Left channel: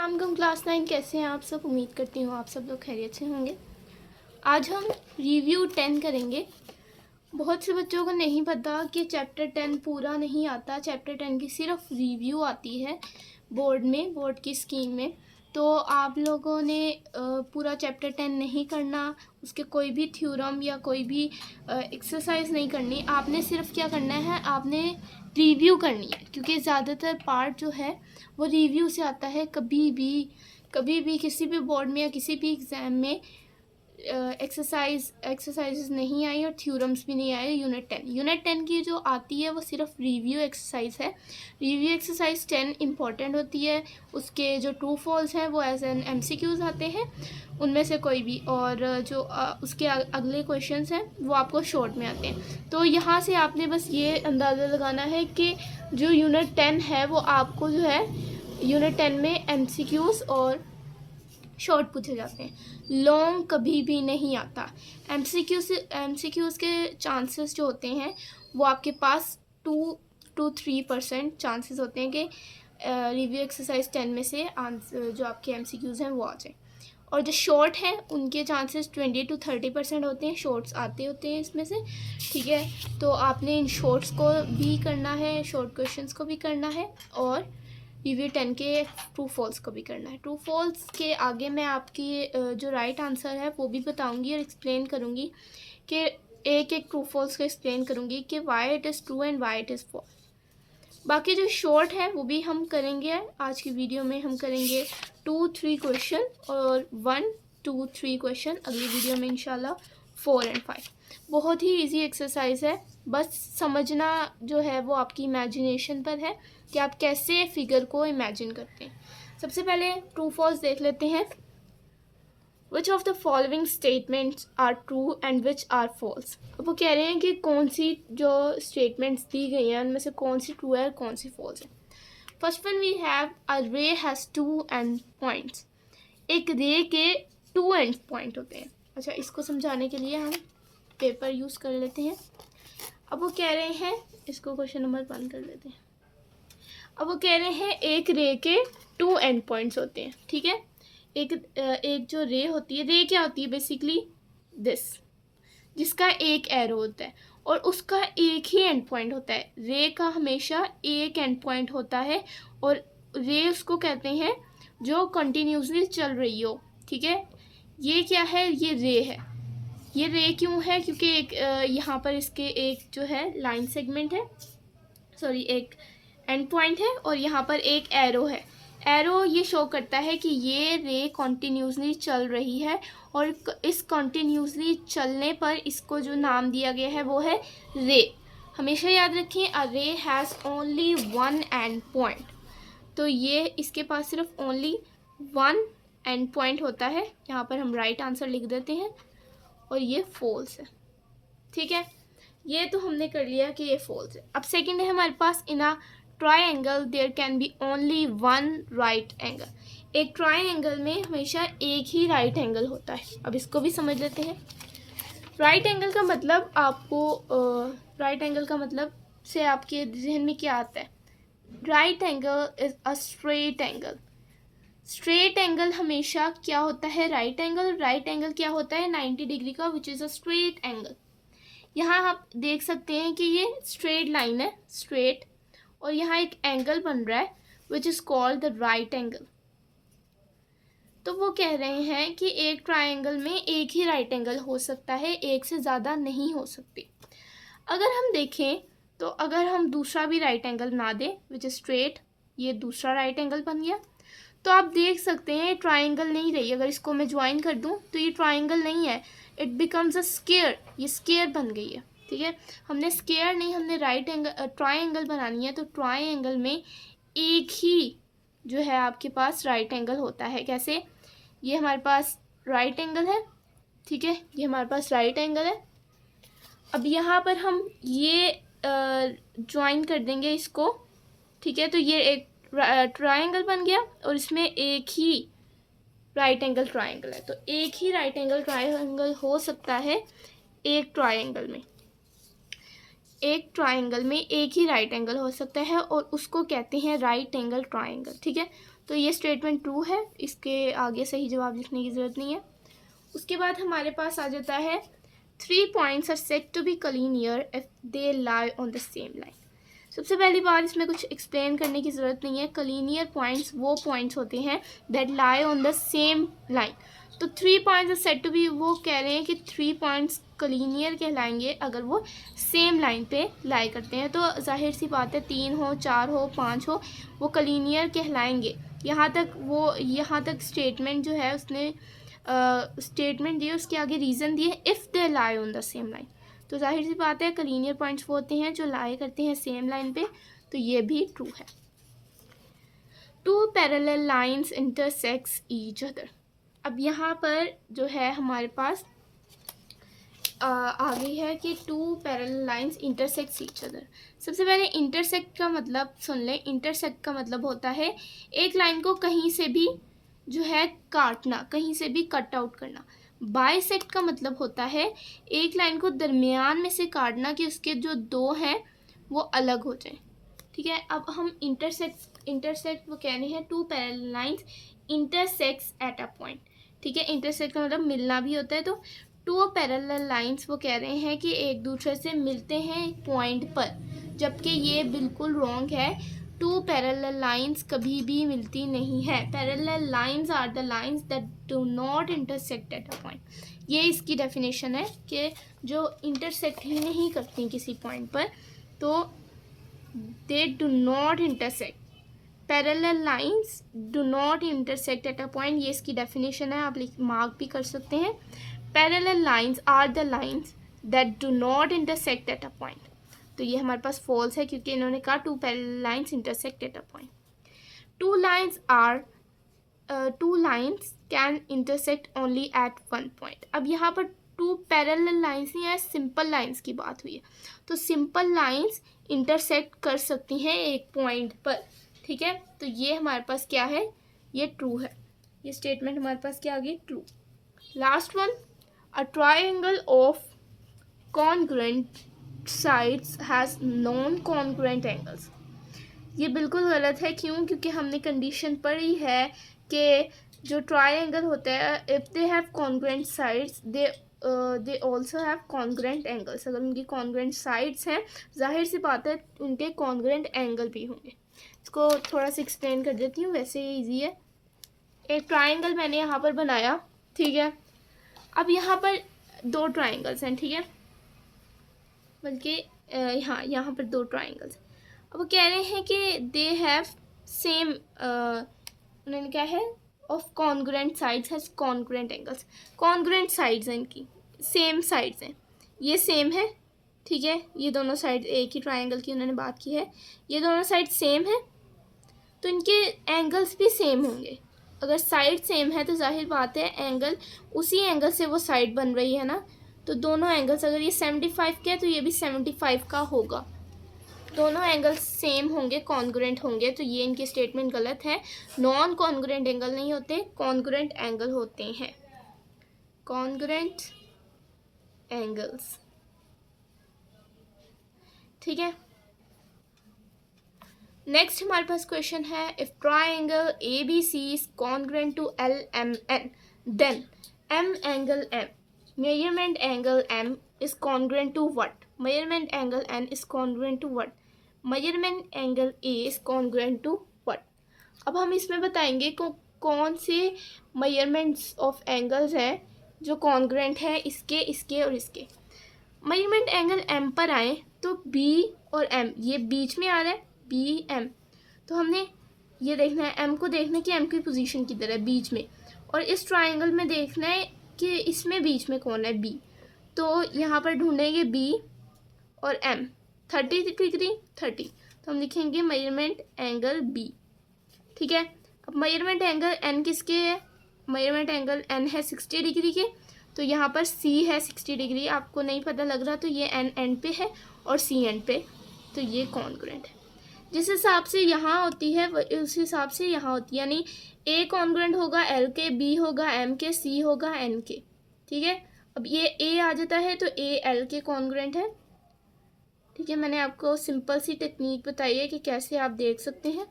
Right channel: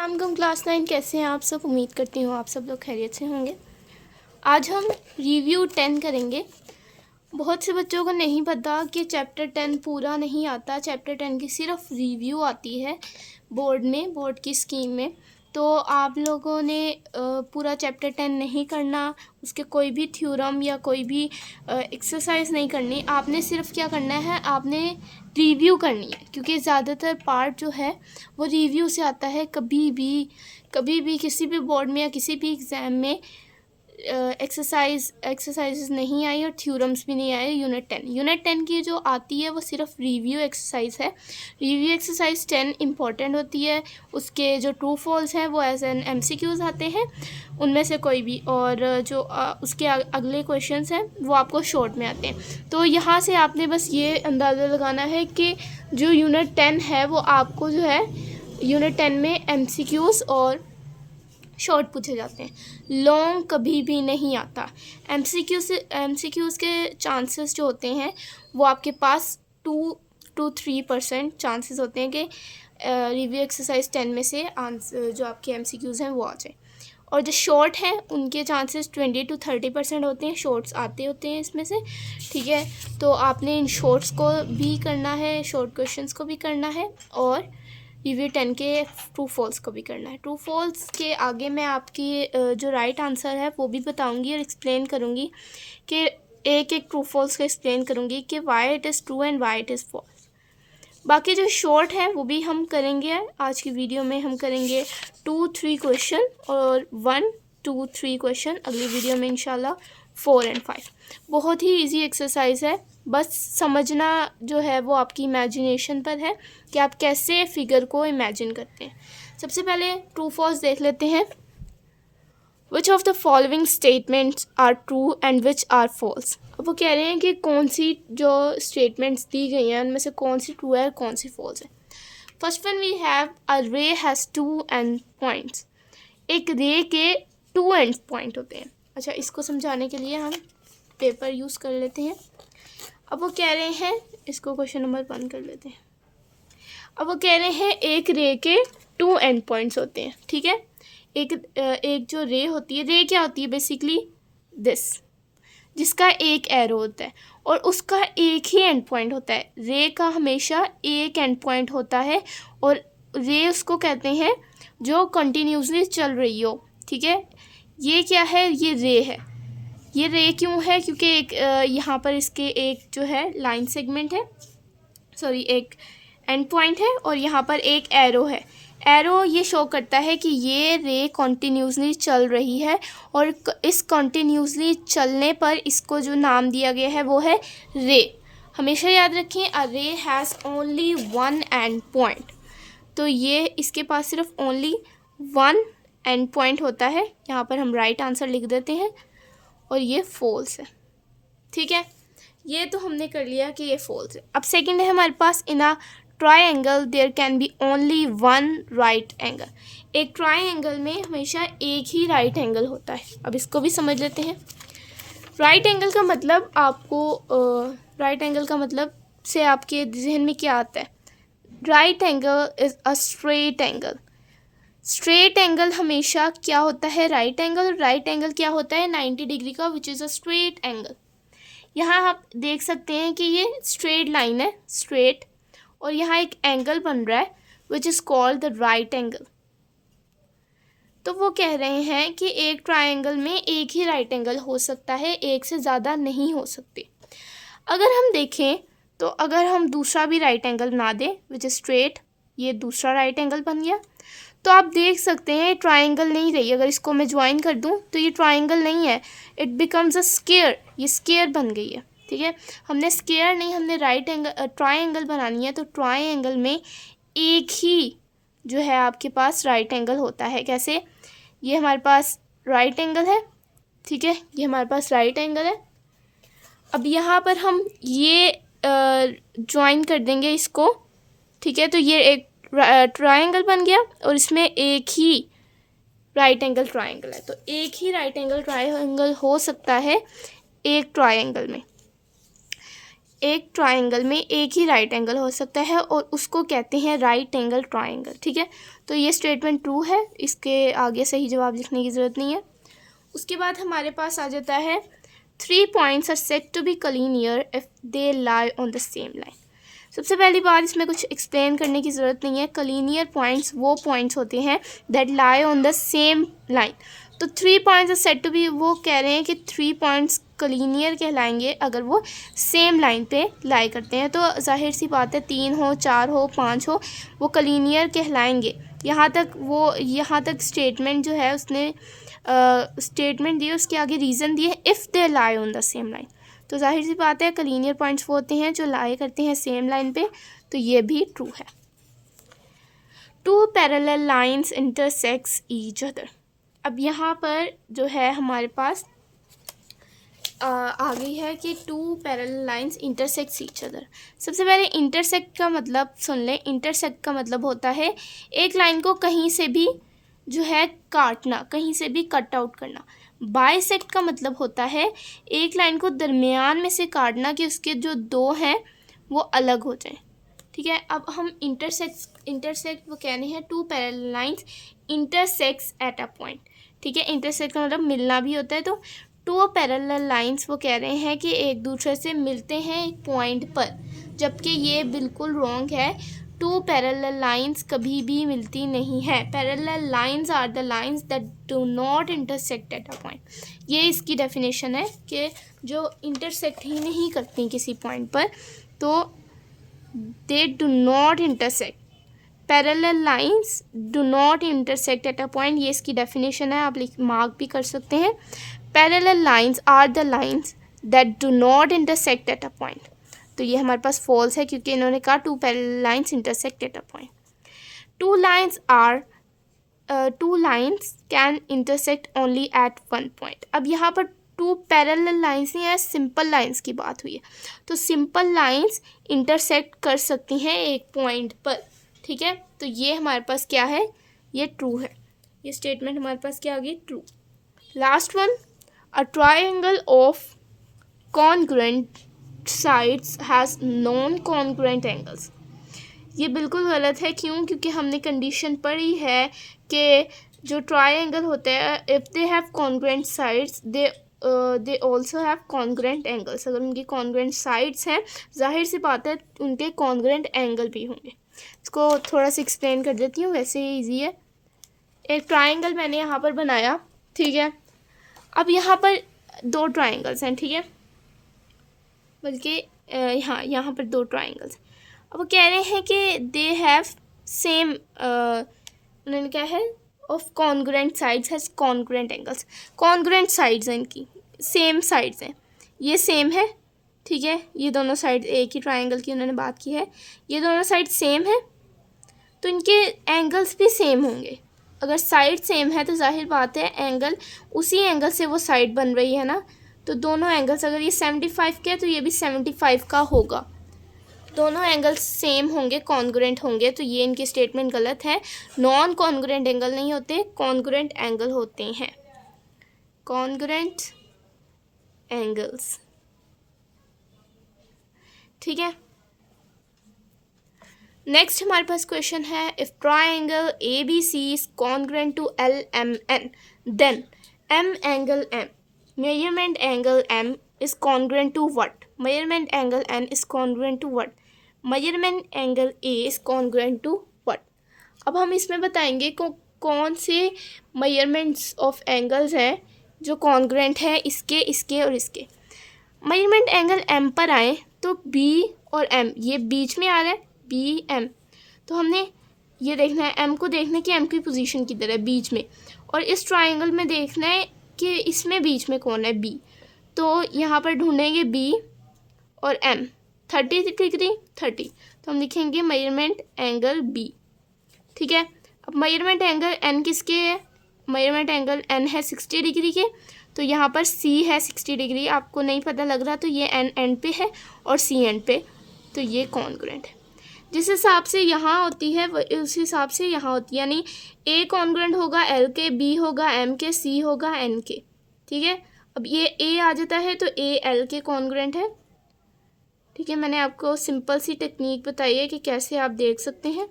अस्सलाम क्लास 9 कैसे हैं आप सब। उम्मीद करती हूँ आप सब लोग खैरियत से होंगे। आज हम रिव्यू 10 करेंगे। बहुत से बच्चों को नहीं पता कि चैप्टर 10 पूरा नहीं आता। चैप्टर 10 की सिर्फ रिव्यू आती है बोर्ड की स्कीम में। तो आप लोगों ने पूरा चैप्टर 10 नहीं करना, उसके कोई भी थ्योरम या कोई भी एक्सरसाइज नहीं करनी। आपने सिर्फ क्या करना है, आपने रिव्यू करनी है, क्योंकि ज़्यादातर पार्ट जो है वो रिव्यू से आता है। कभी भी किसी भी बोर्ड में या किसी भी एग्ज़ाम में एक्सरसाइज नहीं आई और थ्योरम्स भी नहीं आए। यूनिट 10 की जो आती है वो सिर्फ रिव्यू एक्सरसाइज है। रिव्यू एक्सरसाइज 10 इम्पॉर्टेंट होती है। उसके जो ट्रू फॉल्स हैं वो एज एन MCQs आते हैं, उनमें से कोई भी, और जो उसके अगले क्वेश्चंस हैं वो आपको शॉर्ट में आते हैं। तो यहाँ से आपने बस ये अंदाज़ा लगाना है कि जो यूनिट 10 है वो आपको जो है यूनिट 10 में MCQs और शॉर्ट पूछे जाते हैं। लॉन्ग कभी भी नहीं आता। MCQs के चांसेस जो होते हैं वो आपके पास 2-3% चांसेस होते हैं कि रिव्यू एक्सरसाइज 10 में से आंसर जो आपके MCQs हैं वो आ जाए। और जो शॉर्ट हैं उनके चांसेस 20-30% होते हैं। शॉर्ट्स आते होते हैं इसमें से, ठीक है। तो आपने इन शॉर्ट्स को भी करना है, शॉर्ट क्वेश्चंस को भी करना है, और रिव्यू 10 के ट्रू फॉल्स को भी करना है। ट्रू फॉल्स के आगे मैं आपकी जो राइट आंसर है वो भी बताऊंगी और एक्सप्लेन करूंगी कि एक एक ट्रू फॉल्स को एक्सप्लेन करूंगी कि why it is true and why it is false. बाकी जो शॉर्ट है वो भी हम करेंगे आज की वीडियो में। हम करेंगे 2-3 क्वेश्चन और 1-2-3 क्वेश्चन अगली वीडियो में इंशाल्लाह 4 और 5। बहुत ही इजी एक्सरसाइज है, बस समझना जो है वो आपकी इमेजिनेशन पर है कि आप कैसे फिगर को इमेजिन करते हैं। सबसे पहले ट्रू फॉल्स देख लेते हैं। Which of the following statements are true and which are false. अब वो कह रहे हैं कि कौन सी जो स्टेटमेंट्स दी गई हैं उनमें से कौन सी ट्रू है और कौन सी फॉल्स है। First one we have a ray has 2 and points. एक रे के 2 एंड पॉइंट होते हैं। अच्छा, इसको समझाने के लिए हम पेपर यूज़ कर लेते हैं। अब वो कह रहे हैं, इसको क्वेश्चन नंबर 1 कर लेते हैं। अब वो कह रहे हैं एक रे के 2 एंड पॉइंट्स होते हैं, ठीक है। एक जो रे होती है, रे क्या होती है बेसिकली दिस, जिसका एक एरो होता है और उसका एक ही एंड पॉइंट होता है। रे का हमेशा एक एंड पॉइंट होता है और रे उसको कहते हैं जो कंटिन्यूसली चल रही हो, ठीक है। ये क्या है, ये रे है। ये रे क्यों है, क्योंकि एक यहाँ पर इसके एक जो है लाइन सेगमेंट है, सॉरी एक एंड पॉइंट है, और यहाँ पर एक एरो है। एरो ये शो करता है कि ये रे कॉन्टीन्यूसली चल रही है, और इस कॉन्टीन्यूसली चलने पर इसको जो नाम दिया गया है वो है रे। हमेशा याद रखें, अ ray has only 1 and point. तो ये इसके पास सिर्फ ओनली 1 एंड पॉइंट होता है। यहाँ पर हम राइट आंसर लिख देते हैं और ये फॉल्स है, ठीक है। ये तो हमने कर लिया कि ये फॉल्स है। अब सेकंड है हमारे पास, in a triangle there can be only 1 right angle. एक ट्रायंगल में हमेशा एक ही राइट एंगल होता है। अब इसको भी समझ लेते हैं। राइट एंगल का मतलब आपको राइट एंगल का मतलब से आपके जहन में क्या आता है। Right angle is a straight angle. Straight angle हमेशा क्या होता है, राइट एंगल क्या होता है 90 डिग्री का, which is a straight angle. यहाँ आप देख सकते हैं कि ये स्ट्रेट लाइन है, स्ट्रेट, और यहाँ एक एंगल बन रहा है which is called the right angle. तो वो कह रहे हैं कि एक ट्रायंगल में एक ही राइट एंगल हो सकता है, एक से ज़्यादा नहीं हो सकते। अगर हम देखें तो अगर हम दूसरा भी राइट एंगल बना दें विच इज़ स्ट्रेट, ये दूसरा राइट एंगल बन गया, तो आप देख सकते हैं ट्रायंगल नहीं रही। अगर इसको मैं ज्वाइन कर दूं तो ये ट्रायंगल नहीं है, इट बिकम्स अ स्क्वायर। ये स्क्वायर बन गई है, ठीक है। हमने स्क्वायर नहीं, हमने राइट एंगल ट्रायंगल बनानी है। तो ट्रायंगल में एक ही जो है आपके पास राइट एंगल होता है। कैसे, ये हमारे पास राइट एंगल है, ठीक है, ये हमारे पास राइट एंगल है। अब यहाँ पर हम ये ज्वाइन कर देंगे इसको, ठीक है। तो ये एक ट्रायंगल बन गया और इसमें एक ही राइट एंगल ट्रायंगल है। तो एक ही राइट एंगल ट्रायंगल हो सकता है एक ट्रायंगल में। एक ट्रायंगल में एक ही राइट एंगल हो सकता है और उसको कहते हैं राइट एंगल ट्रायंगल, ठीक है। तो ये स्टेटमेंट ट्रू है, इसके आगे सही जवाब लिखने की ज़रूरत नहीं है। उसके बाद हमारे पास आ जाता है 3 points are said to be collinear if they lie on the same line. सबसे पहली बात, इसमें कुछ एक्सप्लेन करने की ज़रूरत नहीं है। कलीनियर पॉइंट्स वो पॉइंट्स होते हैं that lie on the same line. तो 3 points are said to be, वो कह रहे हैं कि 3 पॉइंट्स कलीनियर कहलाएंगे अगर वो सेम लाइन पे लाई करते हैं। तो जाहिर सी बात है 3 हो, 4 हो, 5 हो, वो कलीनियर कहलाएंगे। यहाँ तक स्टेटमेंट जो है उसने स्टेटमेंट दिए, उसके आगे रीज़न दिए, if they lie on the same line. तो जाहिर सी बात है कलीनियर पॉइंट्स वो होते हैं जो लाई करते हैं सेम लाइन पे, तो ये भी ट्रू है। 2 parallel lines intersects each other. अब यहाँ पर जो है हमारे पास आ गई है कि 2 parallel lines intersects each other. सबसे पहले इंटरसेक्ट का मतलब सुन लें। इंटरसेक्ट का मतलब होता है एक लाइन को कहीं से भी जो है काटना, कहीं से भी कट आउट करना। बाइसेक्ट का मतलब होता है एक लाइन को दरमियान में से काटना कि उसके जो 2 हैं वो अलग हो जाएं। ठीक है, अब हम इंटरसेक्ट वो कह रहे हैं 2 parallel lines intersects eight a point. ठीक है, इंटरसेक्ट का मतलब मिलना भी होता है। तो 2 पैरेलल लाइंस वो कह रहे हैं कि एक दूसरे से मिलते हैं एक पॉइंट पर, जबकि ये बिल्कुल रॉन्ग है। 2 पैरेलल लाइंस कभी भी मिलती नहीं है। Parallel lines are the lines that do not intersect at a point. ये इसकी डेफिनेशन है कि जो इंटरसेक्ट ही नहीं करती किसी पॉइंट पर, तो they do not intersect. Parallel lines do not intersect at a point, ये इसकी डेफिनेशन है, आप मार्क भी कर सकते हैं। Parallel lines are the lines that do not intersect at a point. तो ये हमारे पास फॉल्स है क्योंकि इन्होंने कहा 2 parallel lines intersect at a point. 2 lines can intersect only at 1 point. अब यहाँ पर 2 पैरेलल लाइंस नहीं है, सिंपल लाइंस की बात हुई है। तो सिंपल लाइंस इंटरसेक्ट कर सकती हैं एक पॉइंट पर। ठीक है, तो ये हमारे पास क्या है, ये ट्रू है। ये स्टेटमेंट हमारे पास क्या आ गई, true. Last one, a triangle of congruent sides has non congruent angles. ये बिल्कुल गलत है। क्यों? क्योंकि हमने कंडीशन पढ़ी है कि जो ट्राइंगल होते हैं, if they have congruent sides they also have congruent angles. अगर उनकी कॉन्ग्रुएंट साइड्स हैं, जाहिर सी बात है उनके कॉन्ग्रुएंट एंगल भी होंगे। इसको थोड़ा सा एक्सप्लेन कर देती हूँ, वैसे ही ईजी है। एक ट्राइंगल मैंने यहाँ पर बनाया, ठीक है। अब यहाँ पर 2 ट्राइंगल्स हैं, ठीक है, बल्कि यहाँ पर 2 ट्राइंगल्स। अब वो कह रहे हैं कि दे हैव सेम, उन्होंने क्या है, of congruent sides has congruent angles. Congruent sides हैं इनकी, सेम साइड्स हैं, ये सेम है, ठीक है। ये दोनों साइड एक ही ट्राइंगल की उन्होंने बात की है, ये दोनों साइड सेम है, तो इनके एंगल्स भी सेम होंगे। अगर साइड सेम है तो जाहिर बात है एंगल, उसी एंगल से वो साइड बन रही है ना, तो दोनों एंगल्स, अगर ये 75 के है तो ये भी 75 का होगा। दोनों एंगल्स सेम होंगे, कॉन्ग्रुएंट होंगे, तो ये इनकी स्टेटमेंट गलत है। नॉन कॉन्ग्रुएंट एंगल नहीं होते, कॉन्ग्रुएंट एंगल होते हैं, कॉन्ग्रुएंट एंगल्स। ठीक है, नेक्स्ट हमारे पास क्वेश्चन है, if triangle A B C is congruent to L M N, then M angle M, measurement angle M is congruent to what? Measurement angle N is congruent to what? Measurement angle A is congruent to what? अब हम इसमें बताएंगे कौन से measurements of angles हैं जो congruent है इसके, इसके और इसके। मेजरमेंट एंगल एम पर आए तो बी और एम ये बीच में आ रहा है, बी एम, तो हमने ये देखना है, एम को देखना है कि एम की पोजीशन किधर है, बीच में, और इस ट्राइंगल में देखना है कि इसमें बीच में कौन है, बी। तो यहाँ पर ढूंढेंगे बी और एम, 30 डिग्री 30, तो हम लिखेंगे मेजरमेंट एंगल बी। ठीक है, अब मेजरमेंट एंगल एन किसके है? मेजरमेंट एंगल एन है 60 डिग्री के, तो यहाँ पर सी है 60 डिग्री, आपको नहीं पता लग रहा तो ये एन एंड पे है और सी एंड पे, तो ये कॉन्ग्रुएंट है। जिस हिसाब से यहाँ होती है उस हिसाब से यहाँ होती है, यानी ए कॉन्ग्रुएंट होगा एल के, बी होगा एम के, सी होगा एन के। ठीक है, अब ये ए आ जाता है तो ए एल के कॉन्ग्रुएंट है। ठीक है, मैंने आपको सिंपल सी टेक्निक बताई है कि कैसे आप देख सकते हैं।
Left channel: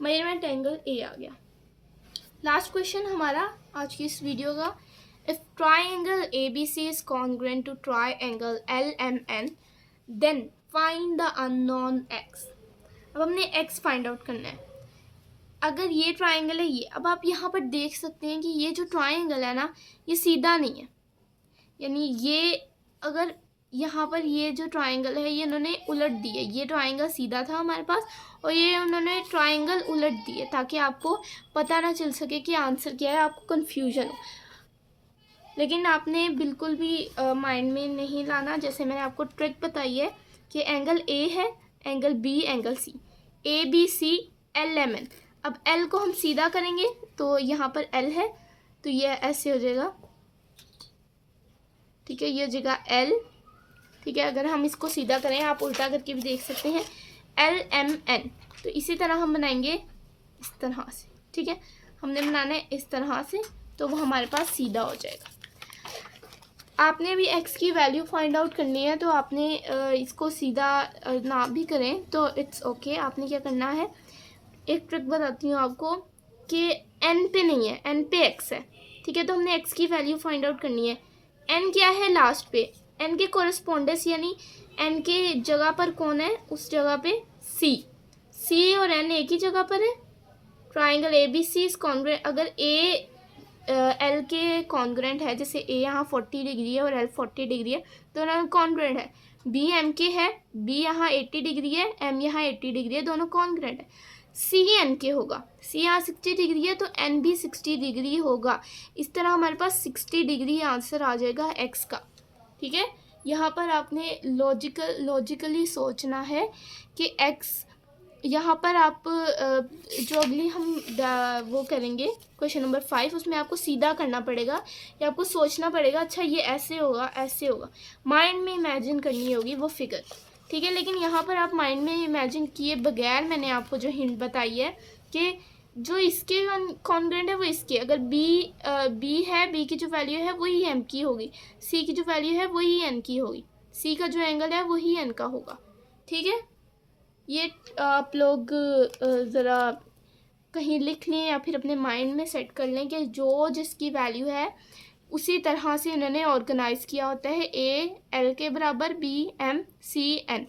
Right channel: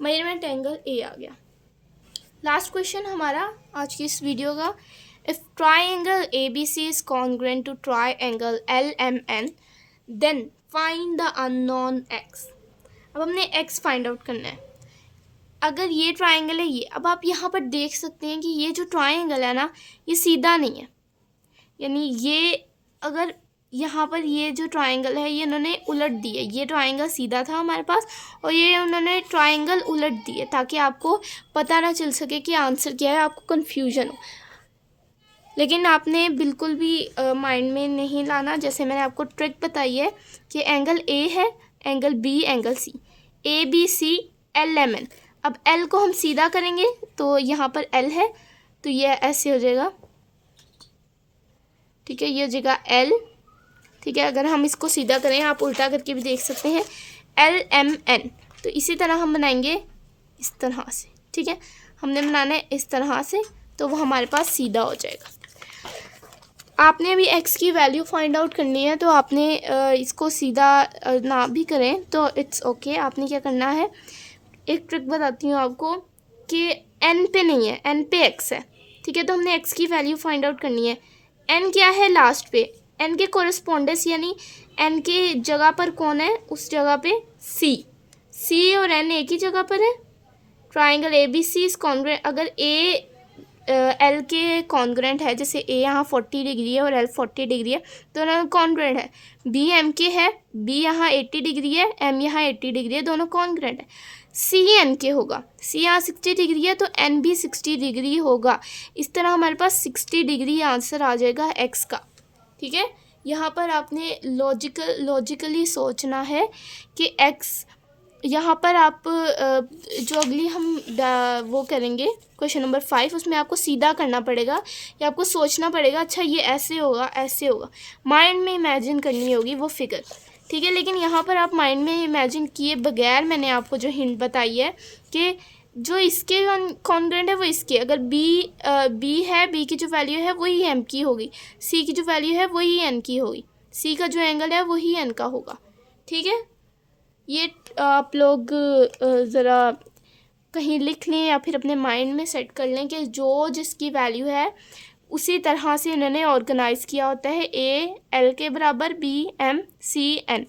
मेजरमेंट एंगल ए आ गया। लास्ट क्वेश्चन हमारा आज की इस वीडियो का, if triangle ABC is congruent to triangle LMN then find the unknown x। अब हमने x फाइंड आउट करना है। अगर ये ट्राइंगल है ये, अब आप यहाँ पर देख सकते हैं कि ये जो ट्राइंगल है ना ये सीधा नहीं है, यानी ये अगर यहाँ पर ये जो ट्राइंगल है ये इन्होंने उलट दी है। ये ट्राइंगल सीधा था हमारे पास और ये उन्होंने ट्राइंगल उलट दी है ताकि आपको पता ना चल सके कि आंसर क्या है, आपको कन्फ्यूजन हो। लेकिन आपने बिल्कुल भी माइंड में नहीं लाना। जैसे मैंने आपको ट्रिक बताई है कि एंगल A है, angle B, angle C, ABC LMN। अब L को हम सीधा करेंगे तो यहाँ पर L है तो ये ऐसे हो जाएगा, ठीक है, ये हो जाएगा L, ठीक है। अगर हम इसको सीधा करें, आप उल्टा करके भी देख सकते हैं, LMN। तो इसी तरह हम बनाएंगे इस तरह से, ठीक है, हमने बनाना है इस तरह से, तो वो हमारे पास सीधा हो जाएगा। आपने अभी x की वैल्यू फाइंड आउट करनी है तो आपने इसको सीधा ना भी करें तो इट्स ओके। आपने क्या करना है, एक ट्रिक बताती हूँ आपको कि n पे नहीं है, n पे x है, ठीक है। तो हमने x की वैल्यू फाइंड आउट करनी है। n क्या है लास्ट पे, n के कोरस्पोंडेंस यानी n के जगह पर कौन है, उस जगह पे c और n एक ही जगह पर है। ट्राइंगल ABC इज कॉन्ग्रुएंट, अगर a L के कॉन्ग्रुएंट है, जैसे A यहाँ 40 डिग्री है और L 40 डिग्री है, दोनों कॉन्ग्रुएंट है। B M के है, B यहाँ 80 डिग्री है, M यहाँ 80 डिग्री है, दोनों कॉन्ग्रुएंट है। C N के होगा, C यहाँ 60 डिग्री है तो N भी 60 डिग्री होगा। इस तरह हमारे पास 60 डिग्री आंसर आ जाएगा x का, ठीक है। यहाँ पर आपने लॉजिकली सोचना है कि x, यहाँ पर आप जो अगली हम वो करेंगे क्वेश्चन नंबर 5, उसमें आपको सीधा करना पड़ेगा या आपको सोचना पड़ेगा, अच्छा ये ऐसे होगा, ऐसे होगा, माइंड में इमेजिन करनी होगी वो फिगर, ठीक है। लेकिन यहाँ पर आप माइंड में इमेजिन किए बगैर मैंने आपको जो हिंट बताई है कि जो इसके कॉन्ग्रुएंट है वो इसके, अगर B है, B की जो वैल्यू है वही M की होगी, C की जो वैल्यू है वही N की होगी, C का जो एंगल है वही N का होगा, ठीक है। ये आप लोग ज़रा कहीं लिख लें या फिर अपने माइंड में सेट कर लें कि जो जिसकी वैल्यू है उसी तरह से इन्होंने ऑर्गेनाइज़ किया होता है। A L के बराबर, B M C N,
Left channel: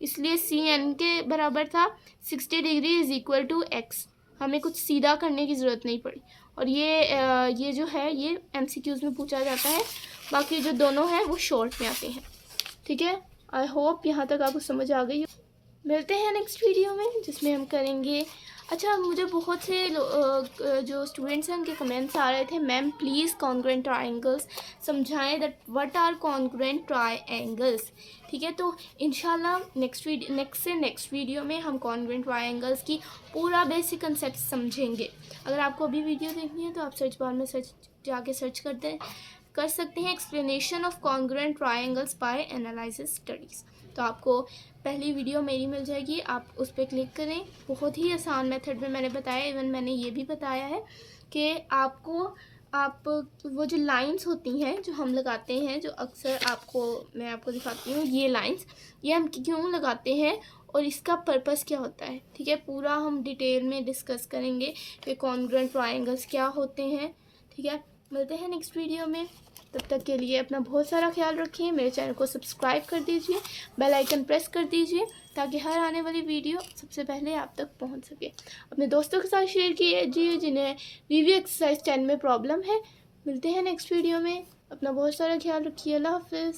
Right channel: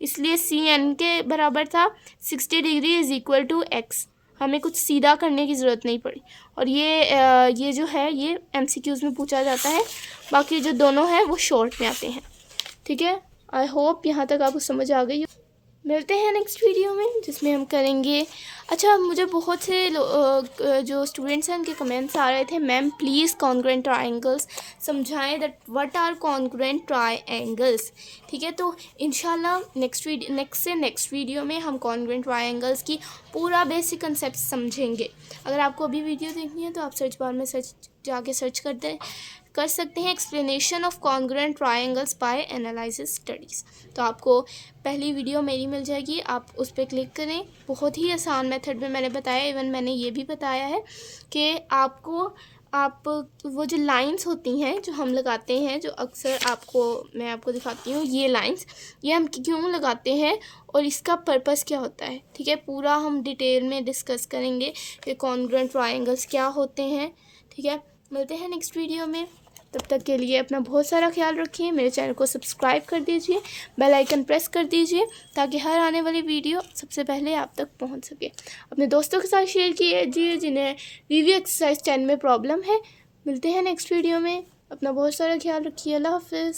इसलिए C N के बराबर था। 60 degree is equal to x, हमें कुछ सीधा करने की ज़रूरत नहीं पड़ी। और ये जो है ये MCQs में पूछा जाता है, बाकी जो दोनों हैं वो शॉर्ट में आते हैं, ठीक है। आई होप यहाँ तक आपको समझ आ गई। मिलते हैं नेक्स्ट वीडियो में जिसमें हम करेंगे, अच्छा मुझे बहुत से जो स्टूडेंट्स हैं उनके कमेंट्स आ रहे थे, मैम प्लीज़ कॉन्ग्रुएंट ट्रायंगल्स समझाएं, that what are congruent triangles, ठीक है। तो इंशाल्लाह नेक्स्ट वीडियो में हम कॉन्ग्रुएंट ट्रायंगल्स की पूरा बेसिक कंसेप्ट समझेंगे। अगर आपको अभी वीडियो देखनी है तो आप सर्च बार में जाके सर्च कर सकते हैं explanation of congruent triangles by analysis studies, तो आपको पहली वीडियो मेरी मिल जाएगी, आप उस पर क्लिक करें। बहुत ही आसान मेथड में मैंने बताया, इवन मैंने ये भी बताया है कि आप वो जो लाइंस होती हैं जो हम लगाते हैं, जो अक्सर मैं आपको दिखाती हूँ, ये लाइंस ये हम क्यों लगाते हैं और इसका पर्पस क्या होता है, ठीक है। पूरा हम डिटेल में डिस्कस करेंगे कि कॉन्ग्रुएंट ट्रायंगल्स क्या होते हैं, ठीक है। मिलते हैं नेक्स्ट वीडियो में, तब तक के लिए अपना बहुत सारा ख्याल रखिए। मेरे चैनल को सब्सक्राइब कर दीजिए, बेल आइकन प्रेस कर दीजिए ताकि हर आने वाली वीडियो सबसे पहले आप तक पहुंच सके। अपने दोस्तों के साथ शेयर कीजिए जिन्हें वीवी एक्सरसाइज 10 में प्रॉब्लम है। मिलते हैं नेक्स्ट वीडियो में, अपना बहुत सारा ख्याल रखिए। अल्लाह हाफिज़।